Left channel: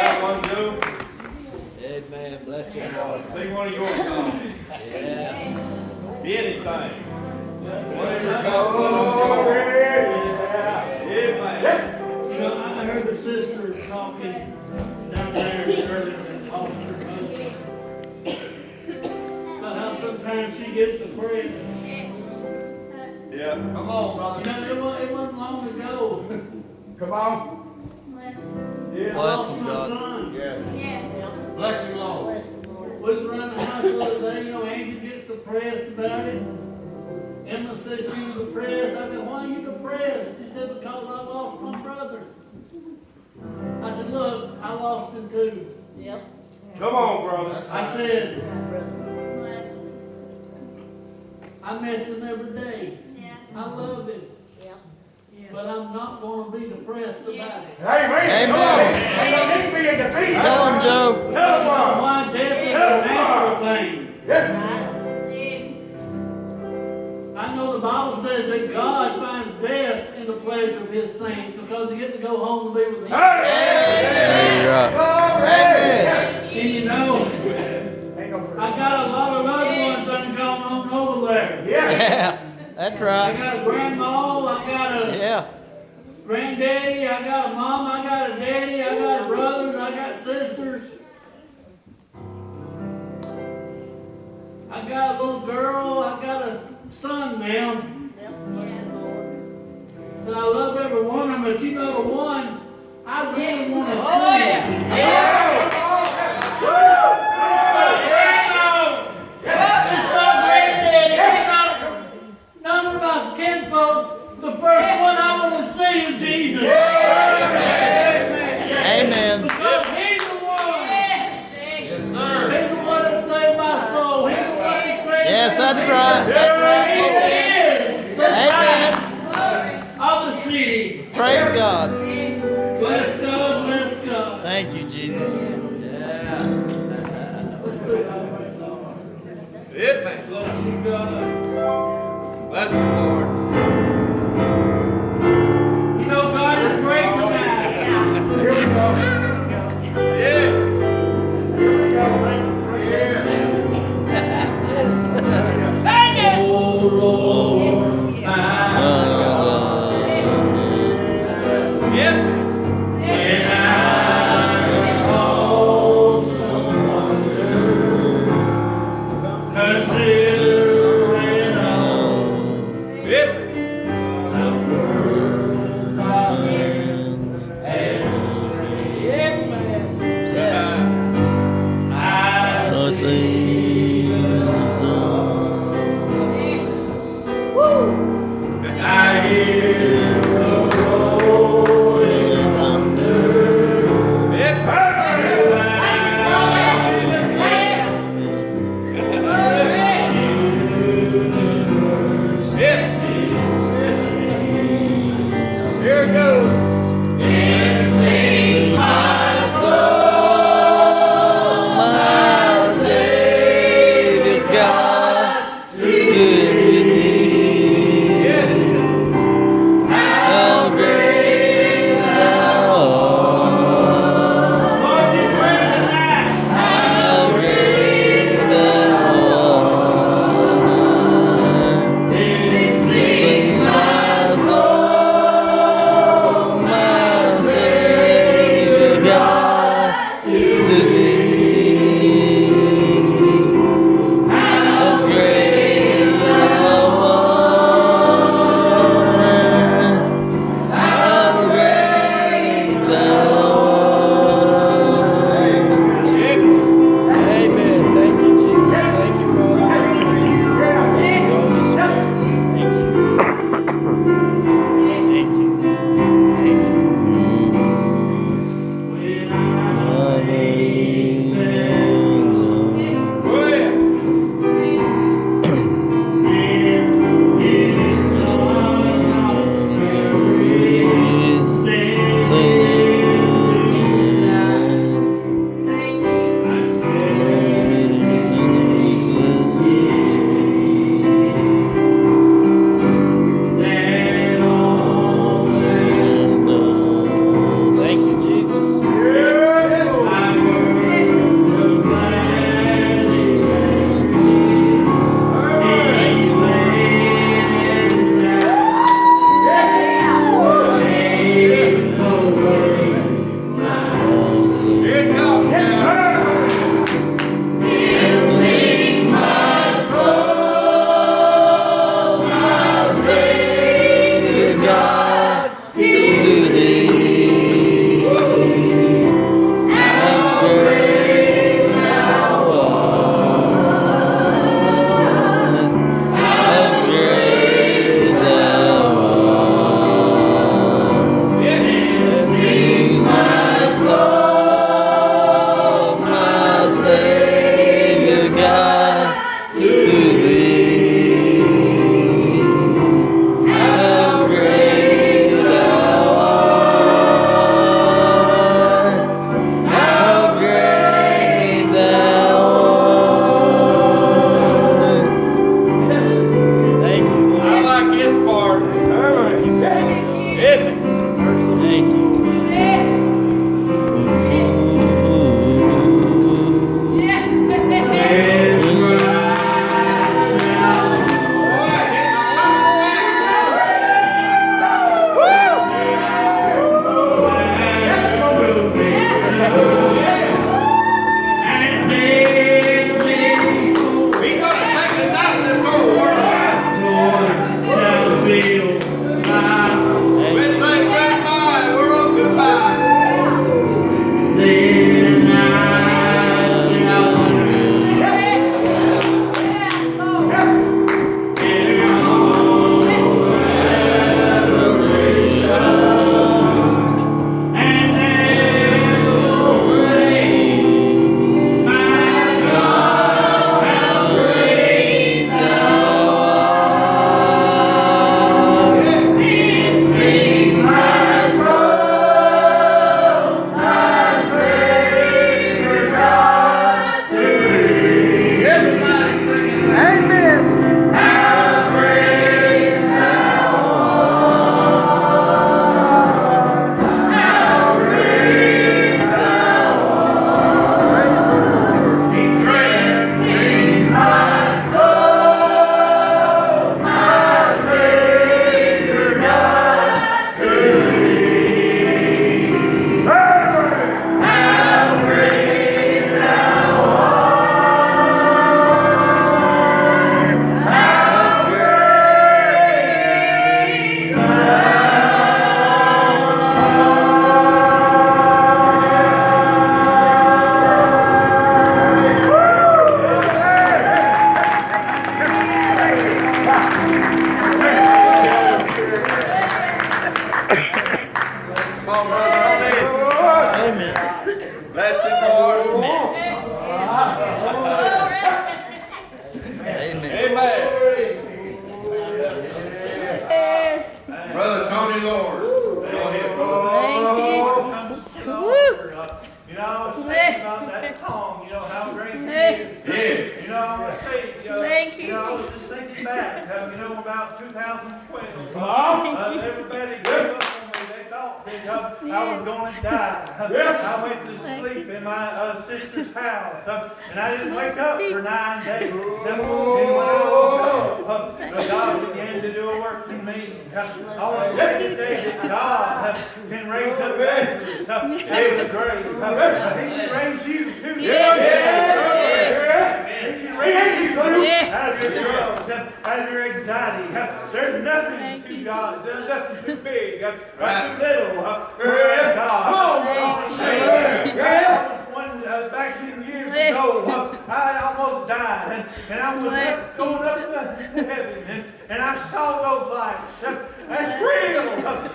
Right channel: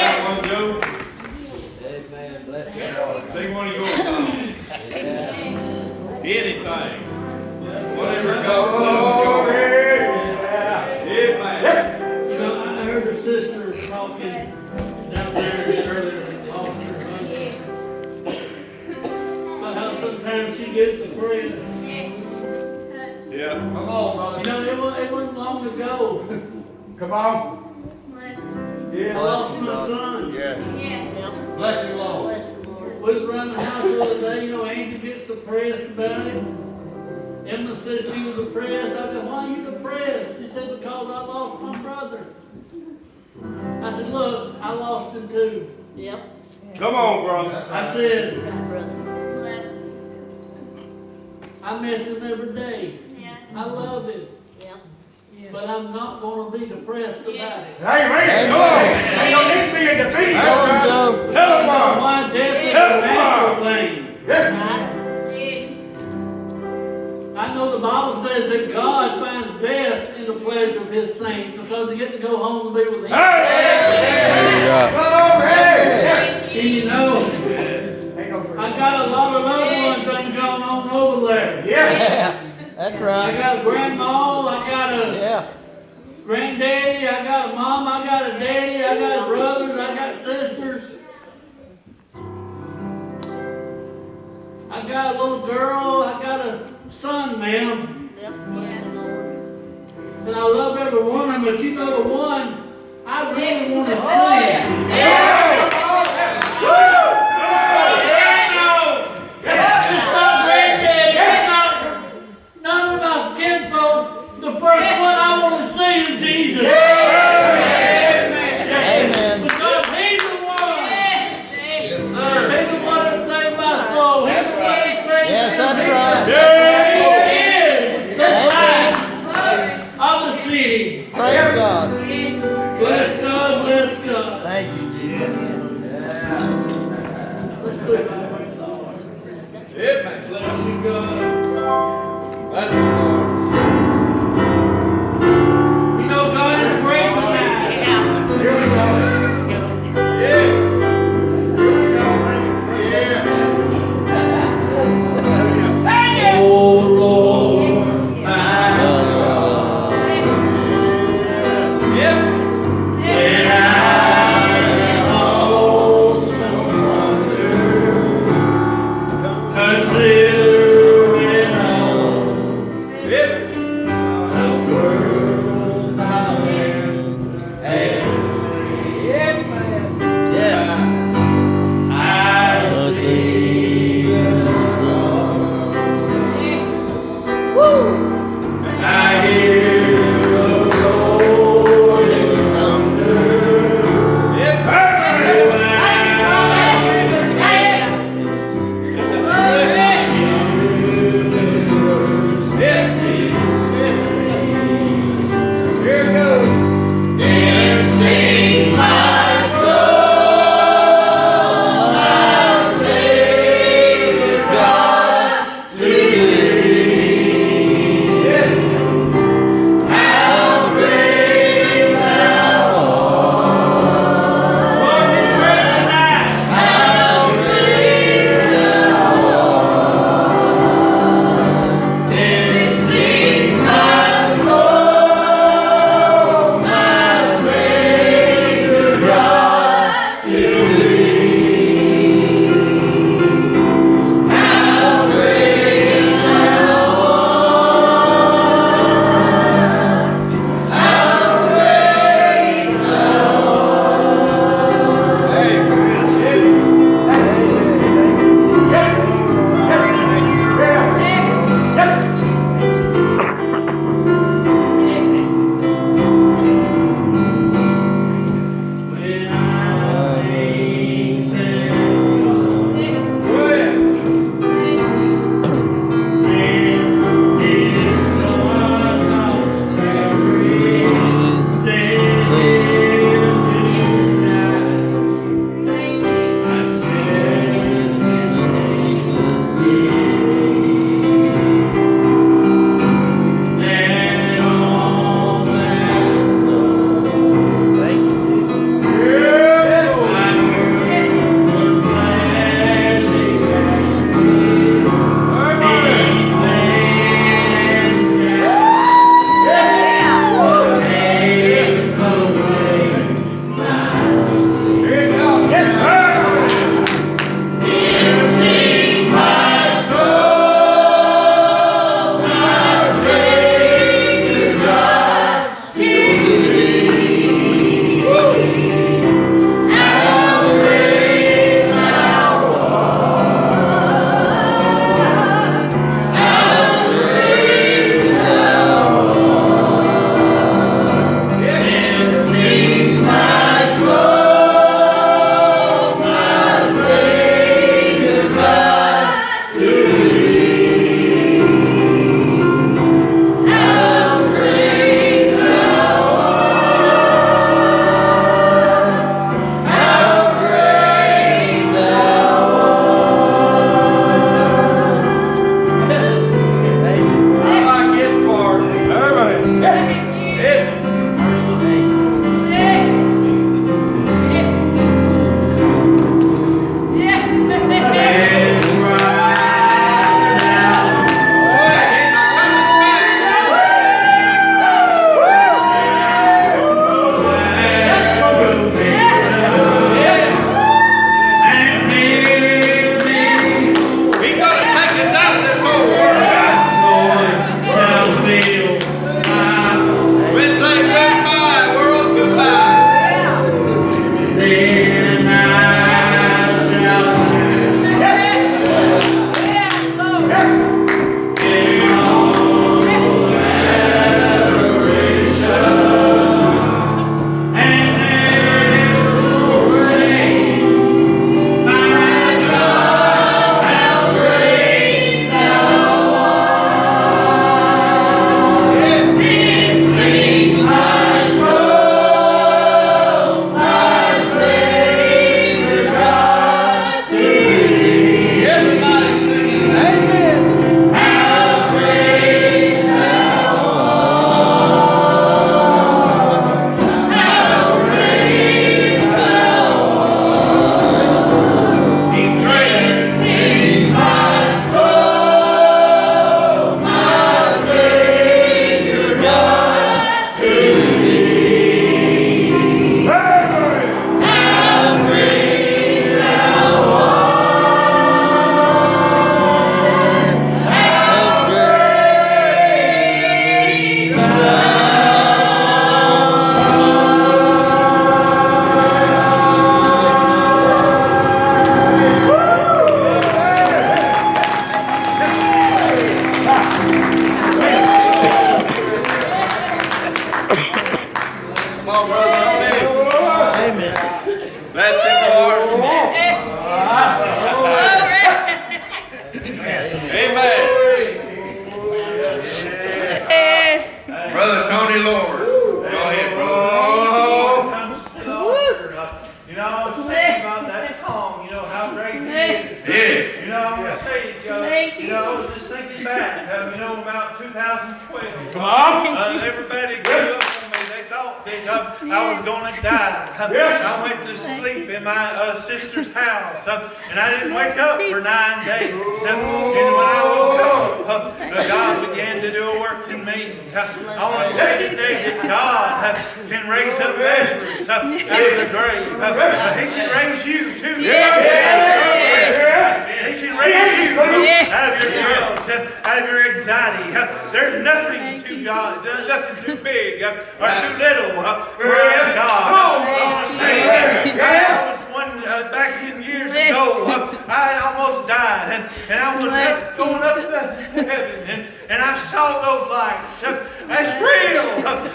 got one, Joe? Amen. Bless you, Lord. Sing one of your songs. Yeah. Anything. Whatever God wants. Amen. You know, I heard a sister talking down there earlier and lost her husband. About how sometimes she gets depressed. Yeah. Come on, brother. You know, it wasn't long ago. Come on. I lost my son. Bless him, Lord. We was around the house the other day, you know, Angie gets depressed about it. Emma said she was depressed. I said, why are you depressed? She said, because I lost my brother. I said, look, I lost him too. Yep. Come on, brother. I said, I miss him every day. I love him. But I'm not going to be depressed about it. Amen. You don't need to be in defeat. Tell him, Joe. Tell him, Mom. Why death is a natural thing. I know the Bible says that God finds death in the pleasure of his saints because they get to go home to be with him. And you know, I got a lot of loved ones that have gone on over there. Yeah. That's I right. got a grandma, I got a Yeah. granddaddy, I got a mom, I got a daddy, I got brothers, I got sisters. I got a little girl, I got a son, ma'am. And I love every one of them, but you know the one I really want to see. It's not granddaddy, it's not none of my kinfolk. The first one I want to see is Jesus. Amen. Because he's the one. Yes, sir. He's the one that saved my soul. He's the one that saved Yes, that's right. He is the light of the city. Praise God. Bless God, bless God. Thank you, Jesus. Yeah. Let's do it right away, Lord. Bless you, God. Bless him, Lord. You know, God is great tonight. Here we go. Yes. Oh, Lord, my God. Yep. And I also consider it all. Lord. Amen. Brother Tony Lord. Go ahead, brother. You know, I was thinking about that song, you know, how great he is. Yes. You know, I'm going to say, I was just thinking back, about 2012. Come on. Everybody gave up on me. They thought that I was going to die. I went to sleep in my sister's house, and I didn't wake up for 9 days. And when I woke up, God began to do a work in me. I want to say today that God can raise up Lazarus out of the grave. He can raise you too. He can raise you out of your troubles, out of your anxiety. There's nothing too God, there's nothing too big or too little for our God. I want to say that I was one back in years ago. I almost died, and I was going up to heaven, and I saw those lights. That's real.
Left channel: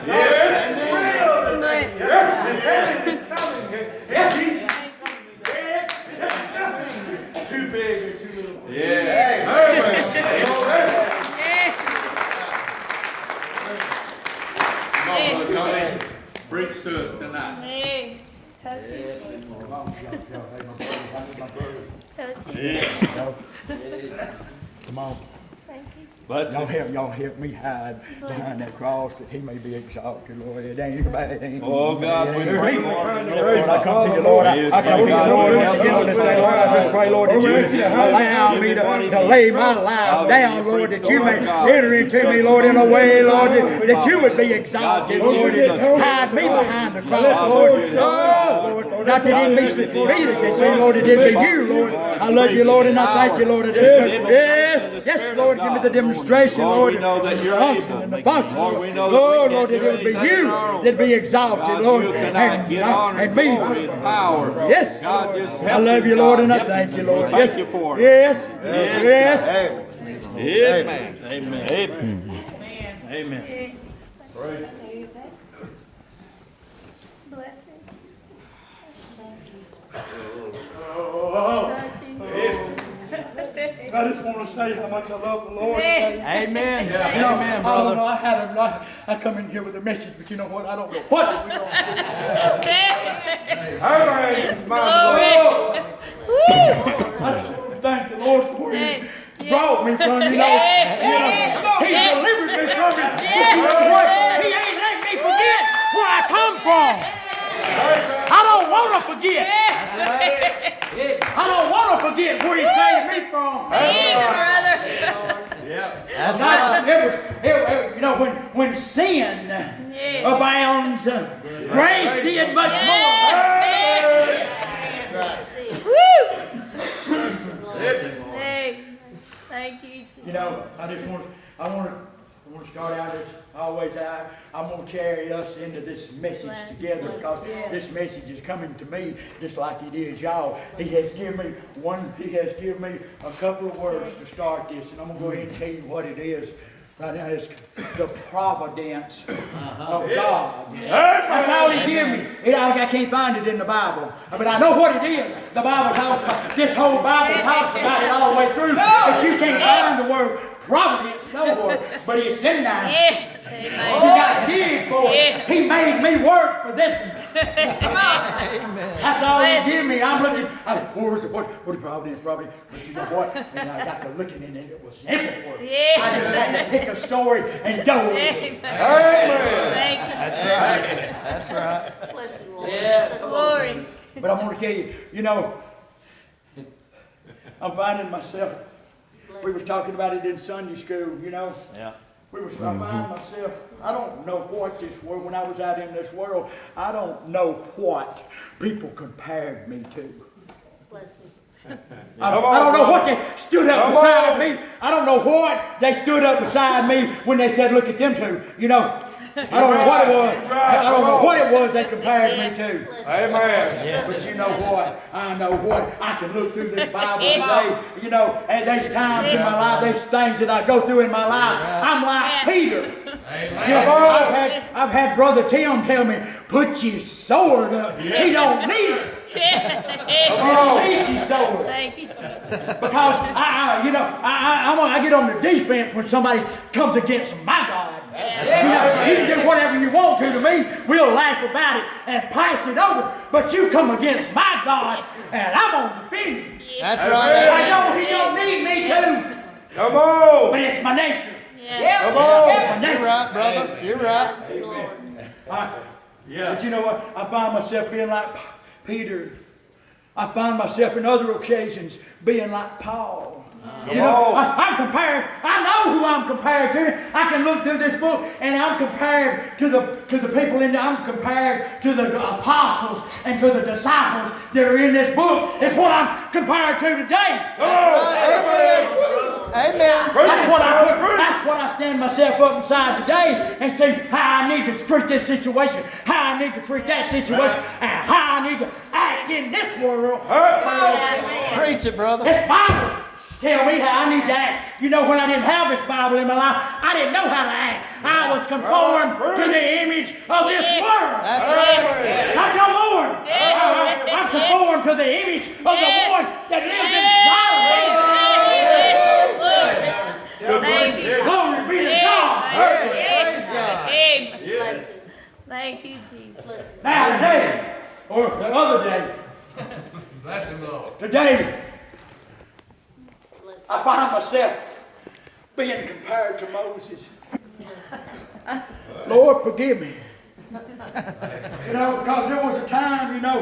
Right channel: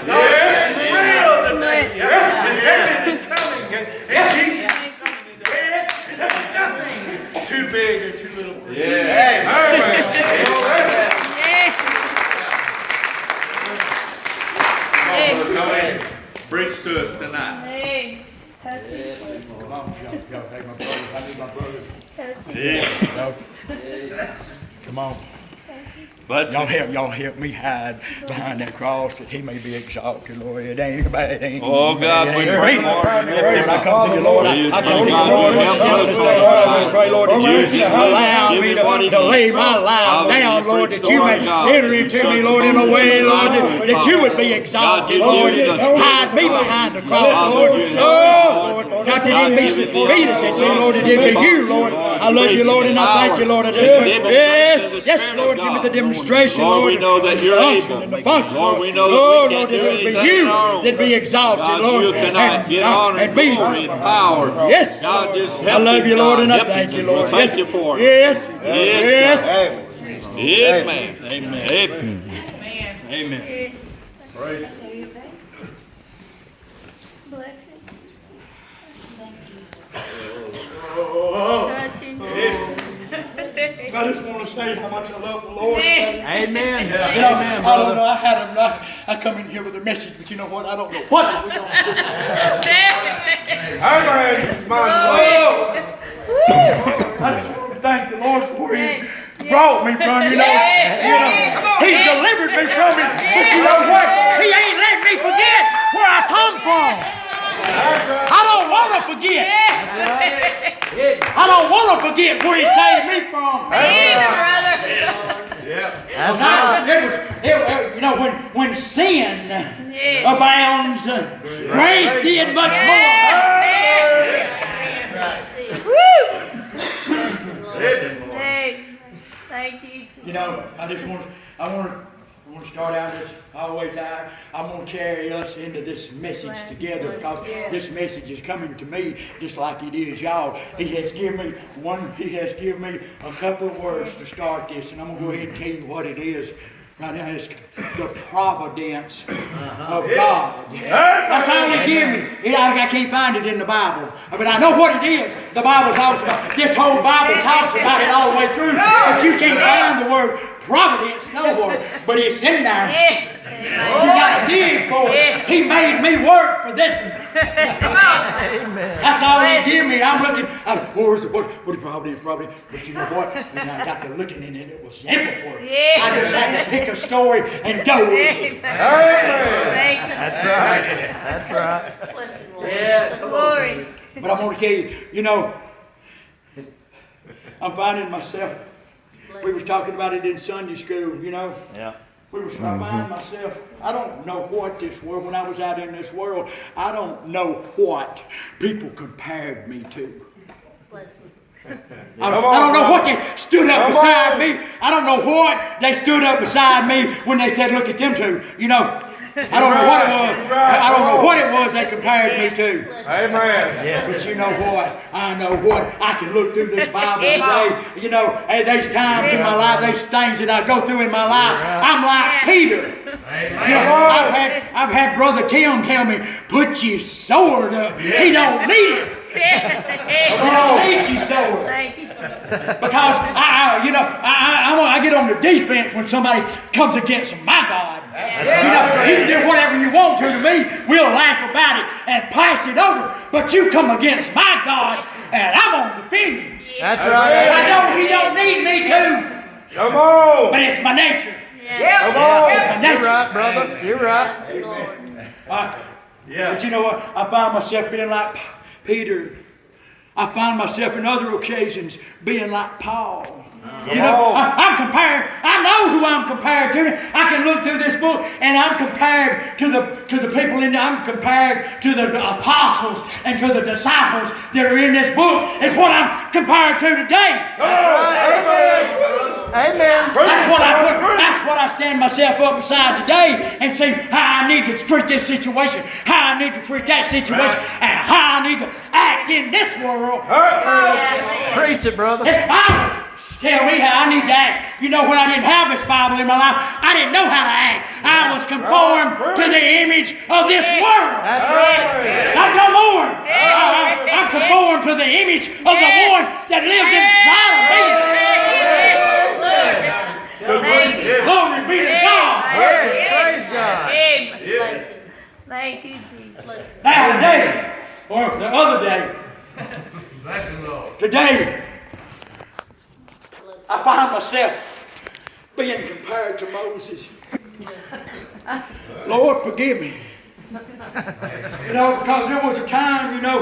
It's real today. And heaven is coming, and Jesus is coming today. And there's nothing too big or too little for you. Come in. Preach to us tonight. Hey, touch it. Come on, y'all. Hey, my brothers. I need my brothers. Touch it. Yeah. Come on. Bless Y'all you. help me hide behind that cross that he may be exalted, Lord. It ain't bad. Oh, God, we pray, Lord. Lord, I come to you, Lord. I come to you, Lord, once again this day, Lord. I just pray, Lord, that you allow me to lay my life down, Lord, that you may enter into me, Lord, in a way, Lord, that you would be exalted, Lord, and hide me behind the cross, Lord. Oh, Lord, not that it be me that say, Lord, it did be you, Lord. I love you, Lord, and I thank you, Lord. Yes, Lord, give me the demonstration, Lord, we know that you're able. and the function, Lord, we know Lord, that Lord, we that can't it do would be anything you on our own. that be exalted, God, Lord, you cannot get honor and and me. glory and power. Yes, God, Lord. just I help love him, you, Lord, God. and I Help thank him. you, Lord. Thank Yes, you for it. yes, Yes, yes. Amen. Amen. Amen. Praise. Bless it. Touch it. I just want to say how much I love the Lord. Amen. You know, Amen, I don't brother. know. I come in here with a message, but you know what? I don't know what we're going to do. I just want to thank the Lord for where He brought me from. You know, He delivered me from it. But you know what? He ain't let me forget where I come from. I don't want to forget. I don't want to forget where He saved me from. That's right. You know, when sin abounds, grace did much more. Thank you, Jesus. You know, I want to start out as I'm going to carry us into this message together, because this message is coming to me just like it is y'all. He has given me a couple of words to start this, and I'm going to go ahead and tell you what it is. Right now, it's the providence of God. That's all He gave me. I can't find it in the Bible, but I know what it is. The Bible talks about, this whole Bible talks about it all the way through, but you can't find the word providence nowhere, but it's in there. You got to dig for it. He made me work for this one. Come on. That's all He gave me. I'm looking. What is providence? But you know what? When I got to looking in it, it was everywhere. I just had to pick a story and go with it. That's right. That's right. Bless the Lord. Yeah, glory. But I'm going to tell you, you know, I'm finding myself. We was talking about it in Sunday school, you know. Yeah. I find myself, I don't know what this world, when I was out in this world, I don't know what people compared me to. Bless him. I don't know what they stood up beside me. I don't know what they stood up beside me when they said, look at them two, you know. I don't know what it was. I don't know what it was they compared me to. Amen. But you know what? I know what. I can look through this Bible today. You know, there's times in my life, there's things that I go through in my life. I'm like Peter. You know, I've had Brother Tim tell me, put your sword up. He don't need it. I need you sword. Thank you, Jesus. Because I get on the defense when somebody comes against my God. You can do whatever you want to me. We'll laugh about it and pass it over. But you come against my God, and I'm gonna defend you. That's right. He don't need me to. Come on. But it's my nature. Yeah. Come on. It's my nature. You're right, brother. You're right. Bless the Lord. But you know what? I find myself being like Peter. I find myself in other occasions being like Paul. You know, I'm compared. I know who I'm compared to. I can look through this book and I'm compared to the people in there. I'm compared to the apostles and to the disciples that are in this book. It's what I'm compared to today. Amen. That's what I stand myself up beside today and see how I need to treat this situation, how I need to treat that situation, and how I need to act in this world. Preach it, brother. This Bible tell me how I need to act. You know, when I didn't have this Bible in my life, I didn't know how to act. I was conformed to the image of this world. That's right. Not no more. I'm conformed to the image of the one that lives inside of me. Glory be to God. Yes, praise God. Bless him. Thank you, Jesus. Bless him. Now today, or the other day, today, Bless him. I find myself being compared to Moses. Lord, forgive me. You know, because there was a time, you know,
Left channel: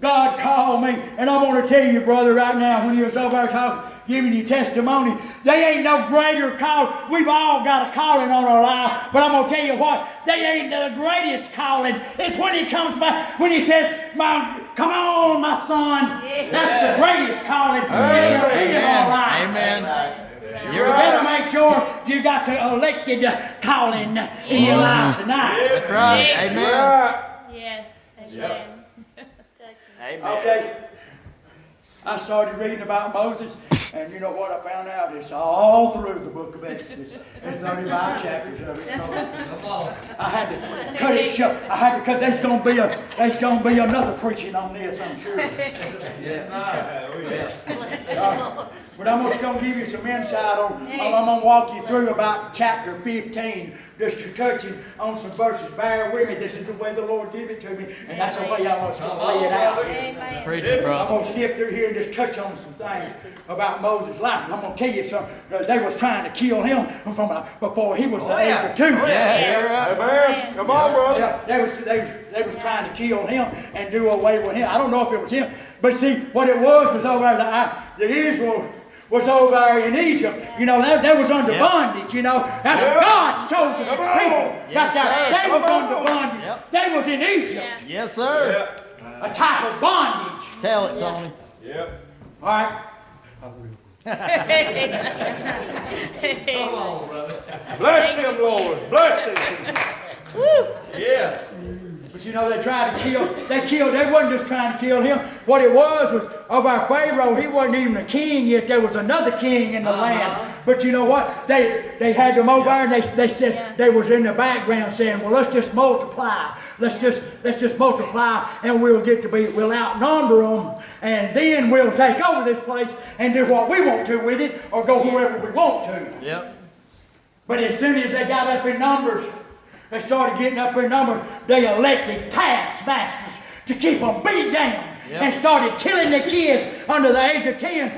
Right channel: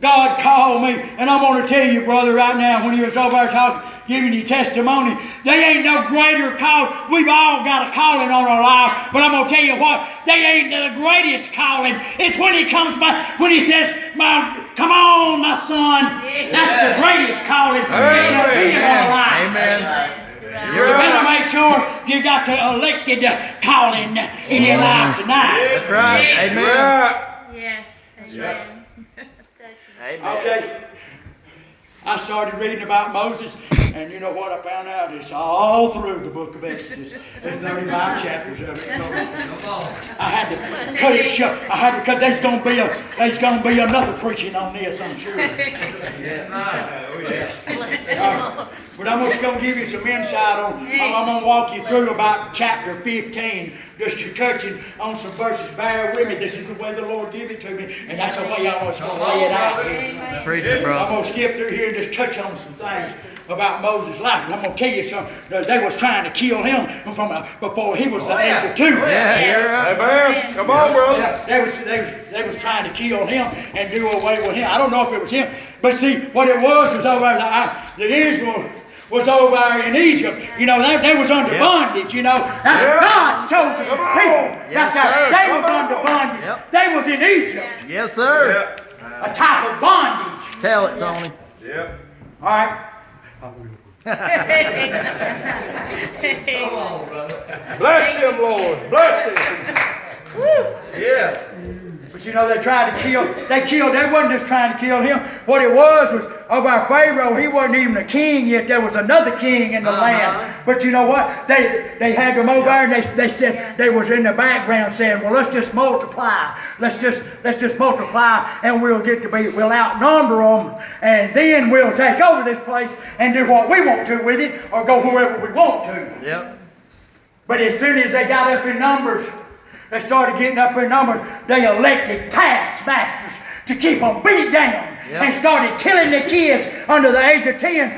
God called me, and I'm going to tell you, brother, right now, when you was over there talking, giving you testimony, they ain't no greater call. We've all got a calling on our life, but I'm going to tell you what, they ain't the greatest calling. It's when he comes back, when he says, come on, my son. That's the greatest calling in our life. Amen. You better make sure you got the elected calling in your life tonight. That's right. Amen. Yes. Amen. Amen. Okay. I started reading about Moses, and you know what I found out? It's all through the book of Exodus. There's 35 chapters of it. So I had to cut it short. I had to cut. There's gonna be another preaching on this, I'm sure. Bless the Lord. But I'm just going to give you some insight on, I'm going to walk you through about chapter 15, just touching on some verses. Bear with me. This is the way the Lord gave it to me, and that's the way I was going to lay it out here. Preach it, I'm brother. going to skip through here and just touch on some things about Moses' life. And I'm going to tell you something. They was trying to kill him before he was the age of 2. Yeah, you're right. Amen. Come on, brother. Yeah, they was trying to kill him and do away with him. I don't know if it was him, but see, what it was over the Israel was over there in Egypt. You know, they was under bondage, you know. That's God's chosen people. Yes, That's how sir. they was under bondage. Yep. They was in Egypt. Yes, sir. A type of bondage. Tell it, Tony. Yep. All right. Bless him, Lord. Bless him. Yeah. But you know, they tried to kill, they wasn't just trying to kill him. What it was over Pharaoh, he wasn't even a king yet. There was another king in the land. But you know what? They had them over there, and they said, they was in the background saying, well, let's just multiply. Let's just multiply, and we'll outnumber them, and then we'll take over this place and do what we want to with it, or go wherever we want to. Yep. But as soon as they got up in numbers, they started getting up in numbers, they elected taskmasters to keep them beat down. Yep. And started killing the kids under the age of 10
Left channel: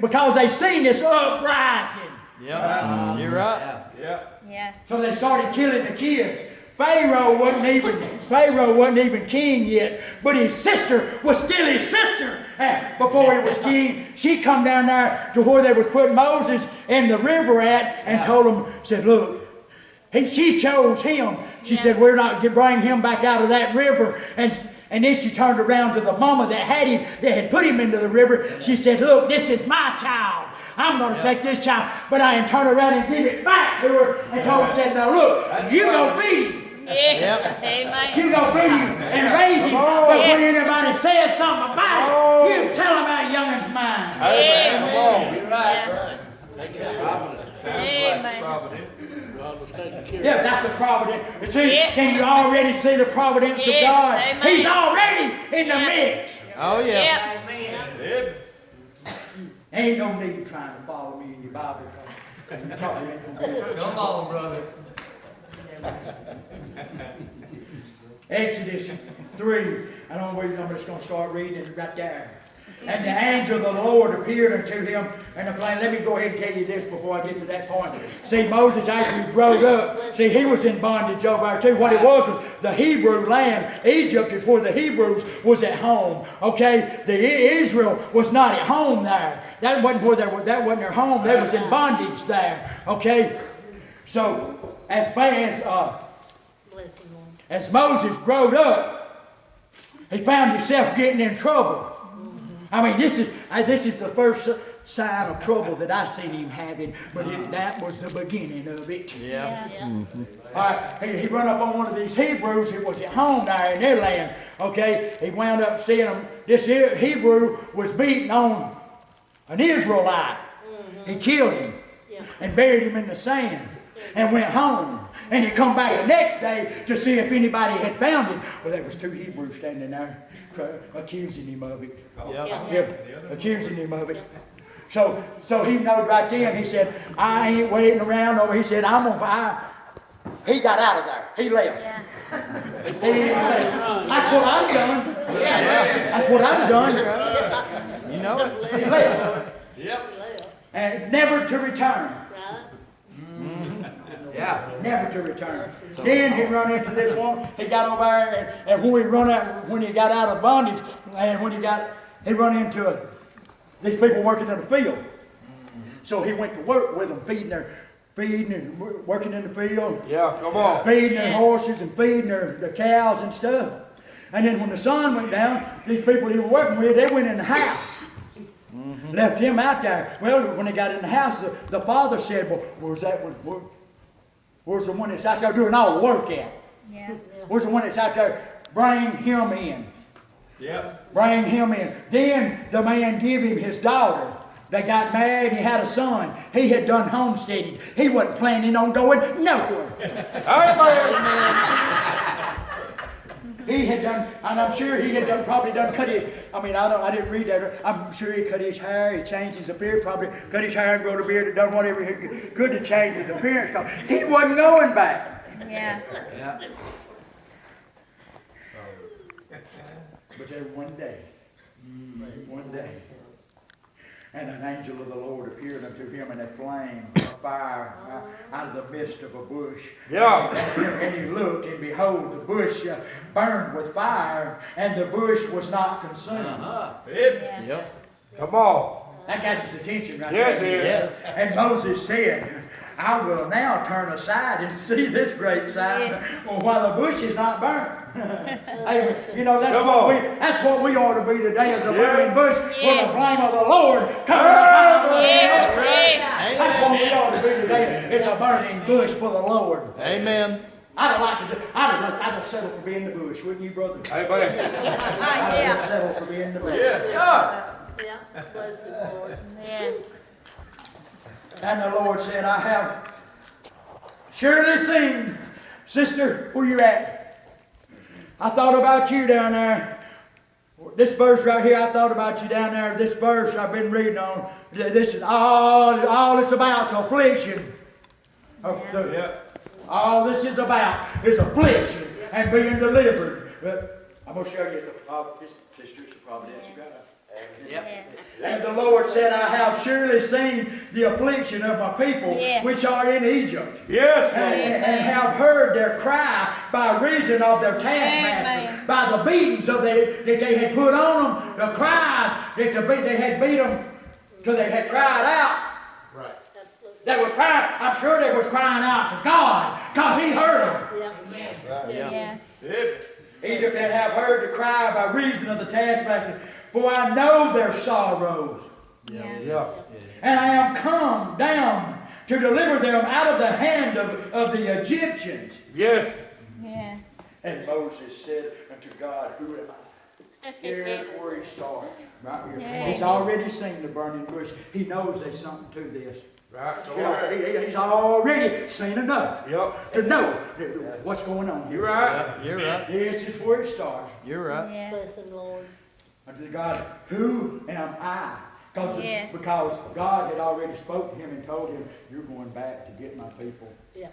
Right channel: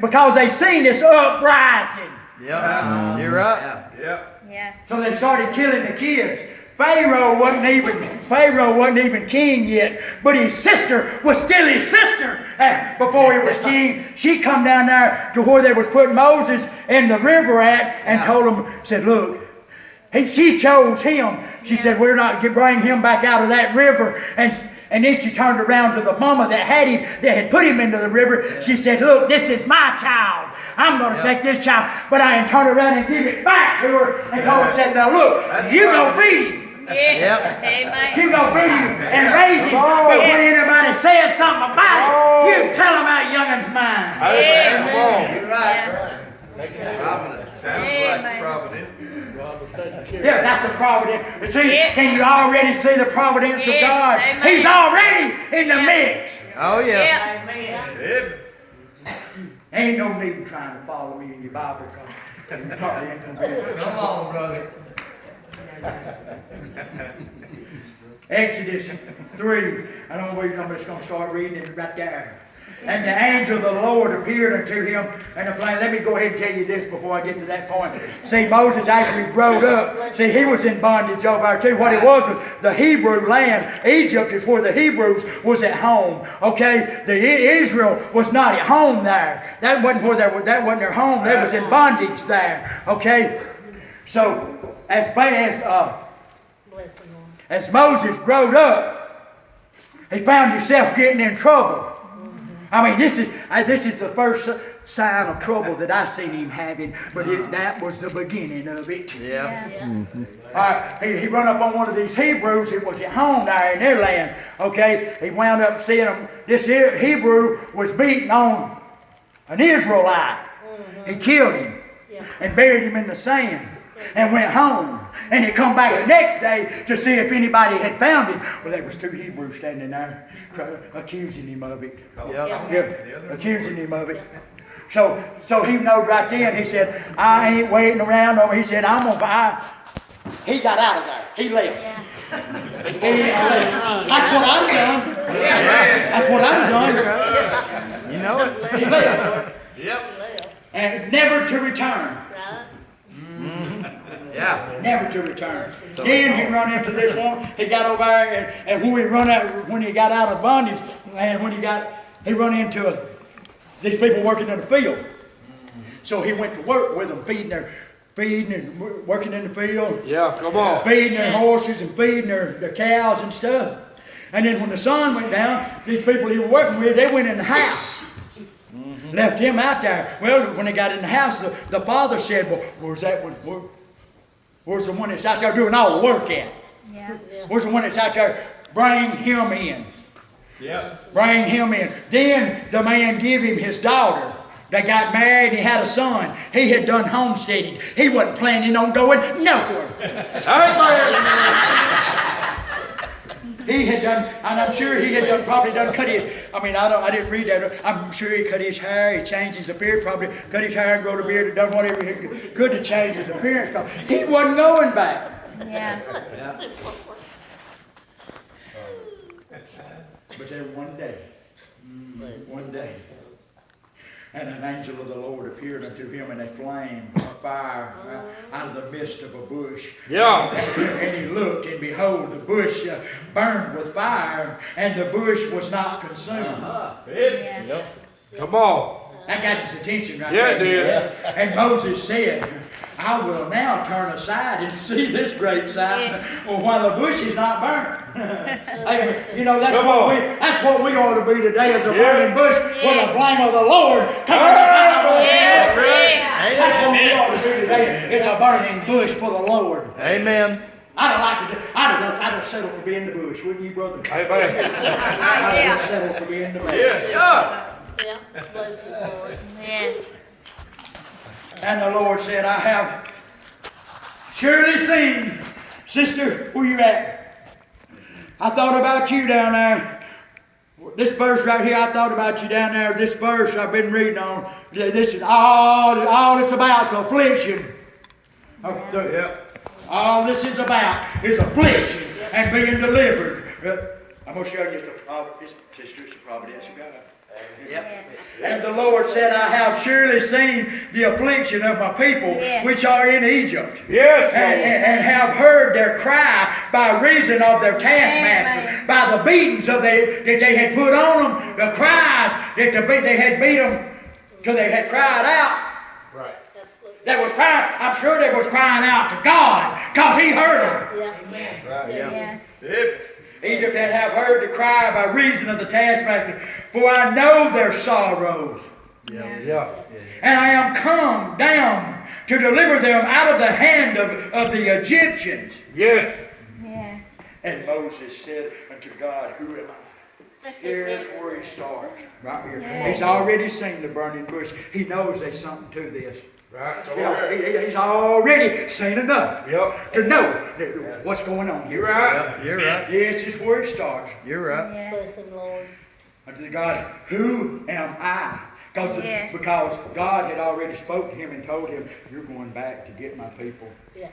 because they seen this uprising. Yep. You're right. Yeah. So they started killing the kids. Pharaoh wasn't even king yet, but his sister was still his sister before he was king. She come down there to where they was putting Moses in the river at, and told him, said, look, she chose him. She said, we're not going to bring him back out of that river. And then she turned around to the mama that had put him into the river. She said, look, this is my child. I'm going to take this child. But I didn't turn around and give it back to her and told her, said, now look, you go feed him. Amen. You go feed him and raise him. But when anybody says something about it, you tell them that youngin's mine. Amen. You're right. Amen. providence. Yeah, that's the providence. You see, Yeah. can you already see the providence Yes, of God? amen. He's already in the Yeah. mix. Oh, yeah. Yep. Ain't no need trying to follow me in your Bible because you probably ain't gonna be able to. Come on, brother. Exodus 3. I don't know where I'm just going to start reading it right there. And the angel of the Lord appeared unto him in a flame. Let me go ahead and tell you this before I get to that point. See, Moses, after he growed up, see, he was in bondage over there too. What it was the Hebrew land. Egypt is where the Hebrews was at home. Okay? Israel was not at home there. That wasn't where that wasn't their home. They was in bondage there. Okay? So, as Moses growed up, he found himself getting in trouble. I mean, this is the first sign of trouble that I seen him having, but that was the beginning of it. Yeah. All right, he run up on one of these Hebrews. It was at home there in their land. Okay, he wound up seeing him. This Hebrew was beating on an Israelite. He killed him and buried him in the sand and went home. And he come back the next day to see if anybody had found him. Well, there was two Hebrews standing there accusing him of it. Yeah. Accusing him of it. So he knowed right then. He said, I ain't waiting around over. He said, I'm gonna buy. He got out of there. He left. That's what I'd have done. That's what I'd have done. You know it. He left. Yep. And never to return. Yeah. Never to return. Then he run into this one. He got over there, and when he got out of bondage, and he run into these people working in the field. So he went to work with them, feeding and working in the field. Yeah, come on. Feeding their horses and feeding their cows and stuff. And then when the sun went down, these people he was working with, they went in the house. Left him out there. Well, when they got in the house, the father said, well, where's the one that's out there doing all the work at? Yeah. Where's the one that's out there? Bring him in. Yeah. Bring him in. Then the man gave him his daughter. They got married and he had a son. He had done homesteading. He wasn't planning on going nowhere. He had done, and I'm sure he had probably cut his, I didn't read that. I'm sure he cut his hair, he changed his appearance, probably cut his hair and growed a beard and done whatever he could to change his appearance. Because he wasn't going back. Yeah. But then one day, and an angel of the Lord appeared unto him in a flame of fire out of the midst of a bush. Yeah. And he looked, and behold, the bush burned with fire, and the bush was not consumed. Yeah. Come on. That got his attention right Yeah, there. it did. And Moses said, I will now turn aside and see this great sight, while the bush is not burned. Hey, you know, that's what we ought to be today, as a burning bush with the flame of the Lord coming up out of Yes. That's what we ought to be today, is a burning bush for the Lord. Amen. I'd have settled for being in the bush, wouldn't you, brother? Amen. I'd have settled for being in the bush. Yeah. Yeah. Bless the Lord. Yes. And the Lord said, I have surely seen, sister, where you at? I thought about you down there. This verse right here, I thought about you down there. This verse I've been reading on. This is all it's about is affliction. All this is about is affliction and being delivered. I'm going to show you this sister's providence of God. Yep. And the Lord said, I have surely seen the affliction of my people, Yes. which are in Egypt. Yes. And have heard their cry by reason of their taskmaster, Amen. by the beatings that they had put on them, the cries that they had beat them till they had cried out. Right. They was crying. I'm sure they was crying out to God, because He heard them. Right. Yes. Egypt and have heard the cry by reason of the taskmaster, for I know their sorrows. Yeah. And I am come down to deliver them out of the hand of the Egyptians. Yes. Yes. And Moses said unto God, Who am I? Here's where he starts, right here. Yeah. He's already seen the burning bush. He knows there's something to this. Right. You know, he's already seen enough to know what's going on here. You're right. You're right. This is where it starts. You're right. Yeah. Bless him, Lord. Unto God, who am I? Yes. Because God had already spoke to him and told him, you're going back to get my people. Yeah.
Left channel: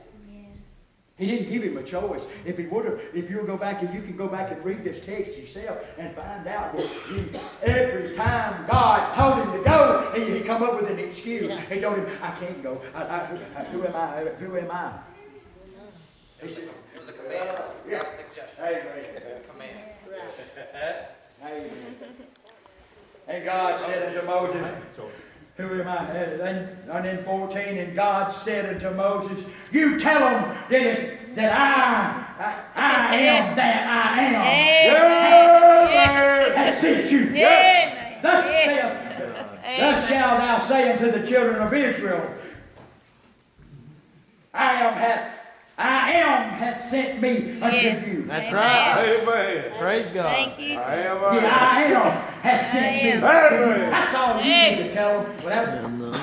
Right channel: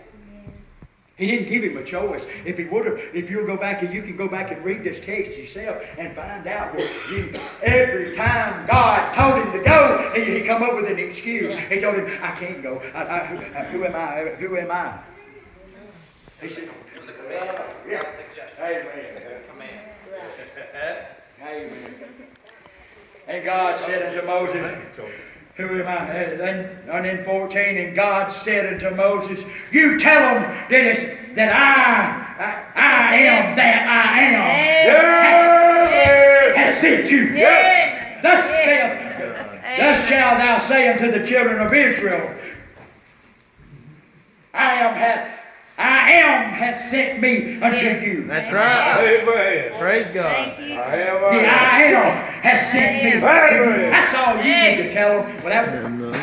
He didn't give him a choice. If he would have, if you'll go back and you can go back and read this text yourself and find out that every time God told him to go, he come up with an excuse. He told him, I can't go. Who am I? Who am I? He said, It was a command, not a suggestion. Amen. Command. Amen. And God said unto Moses, who am I? And in 14, and God said unto Moses, you tell them that I am that I am. Has sent you. Yeah. Thus shalt thou say unto the children of Israel, I am hath sent me unto you. That's right. Amen. Praise God. Thank you, Jesus. I am. The I am has sent me. Amen. That's all you need to tell them.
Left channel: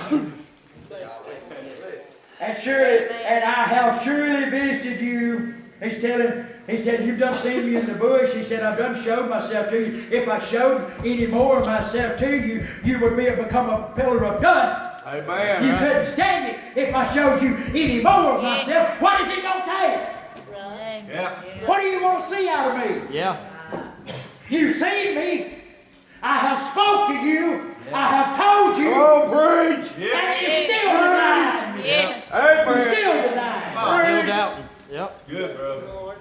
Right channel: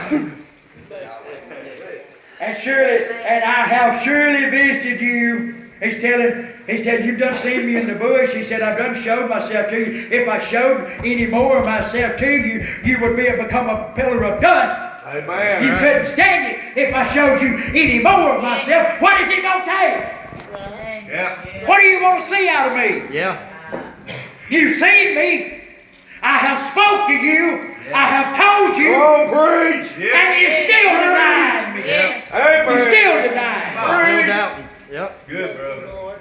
And I have surely visited you. He said, you've done seen me in the bush. He said, I've done showed myself to you. If I showed any more of myself to you, you would become a pillar of dust. Amen. You couldn't stand it if I showed you any more of myself. What is it going to take? Yeah. What do you want to see out of me? Yeah. You've seen me. I have spoke to you. I have told you. Oh, preach. And you still denying me. Yep. You Amen. still denying me. Still doubting. Yep. Good, Bless him, brother. Lord.